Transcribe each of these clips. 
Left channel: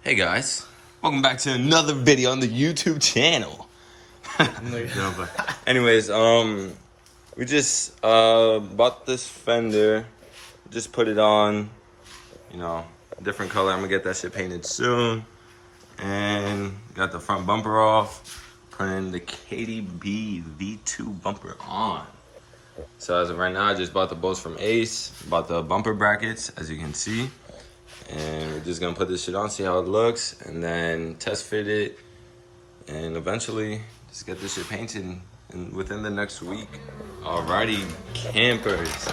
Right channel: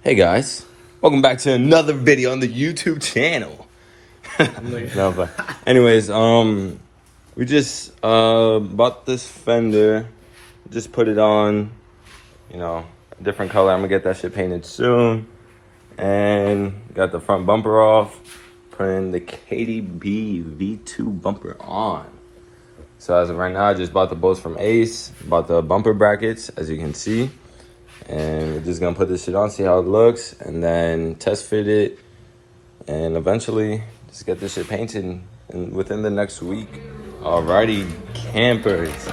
Hey guys, welcome back to another video on the YouTube channel. No, but anyways, we just bought this fender, just put it on, a different color. I'm gonna get that shit painted soon, and got the front bumper off, putting the KDB V2 bumper on. So as of right now, I just bought the bolts from Ace, bought the bumper brackets, as you can see. And we're just gonna put this shit on, see how it looks, and then test fit it, and eventually just get this shit painted within the next week. Alrighty, campers.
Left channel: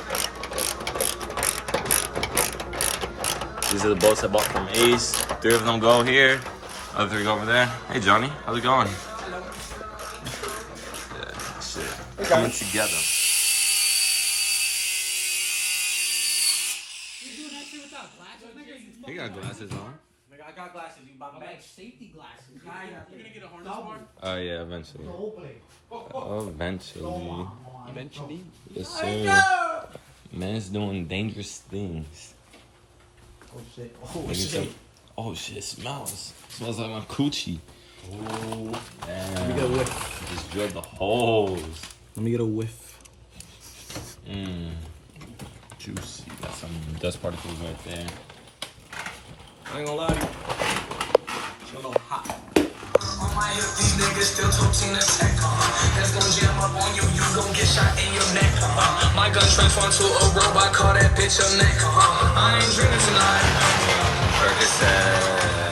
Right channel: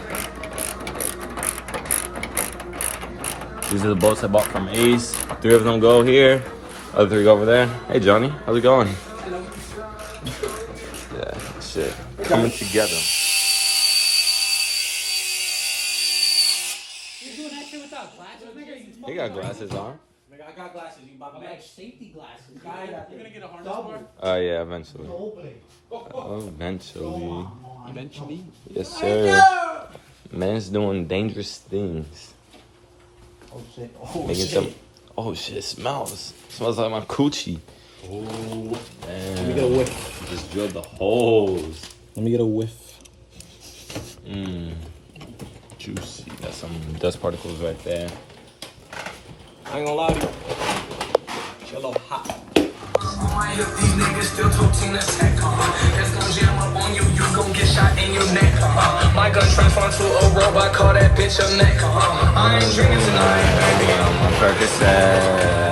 These are the bolts I bought from Ace. 3 of them go here, other 3 go over there. Hey Johnny, how's it going? Yeah, shit, coming together. He got glasses on. I got glasses. You buy me safety glasses. You're gonna get a harness bar? Oh yeah, eventually. Eventually. Eventually. Yes, sir. Man's doing dangerous things. Oh shit. Oh shit, it smells. Smells like my coochie. Oh. Damn. Let me get a whiff. Just drilled the holes. Let me get a whiff. Juicy. Got some dust particles right there. I ain't gonna lie to you. It's a little hot. My gun transformed to a robot, call that bitch a neck. Percocet.